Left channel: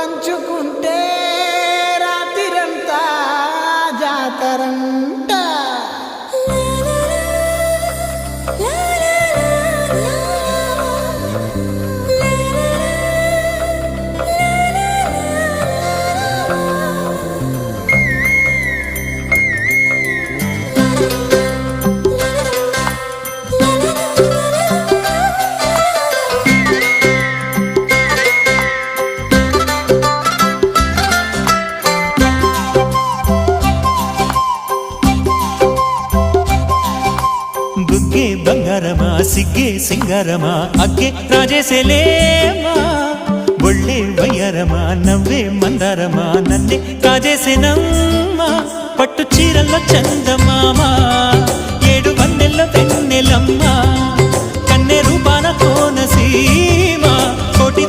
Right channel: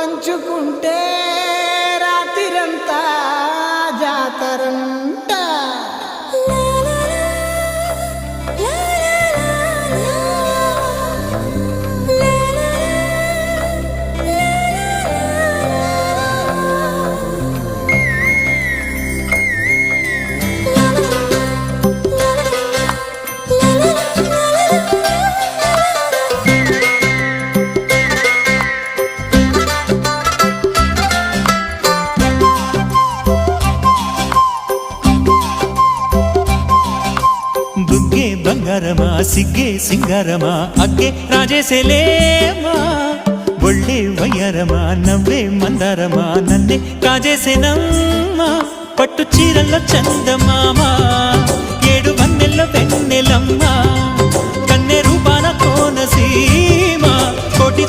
పంచుకుంటే రాత్రిరంతా జాతరంట. బుగ్గే బంగారమా సిగ్గే సింగారమా అగ్గే రాజేసేలేమా ఒళ్ళే వయ్యారమా నవ్వే మందారమా నన్నే కాజేసేనమ్మా పట్టు చీరల్లో చందమామా 7 వన్నెల్లో వెన్నెలమ్మా కన్నె రూపాన కోనసీమ కోటి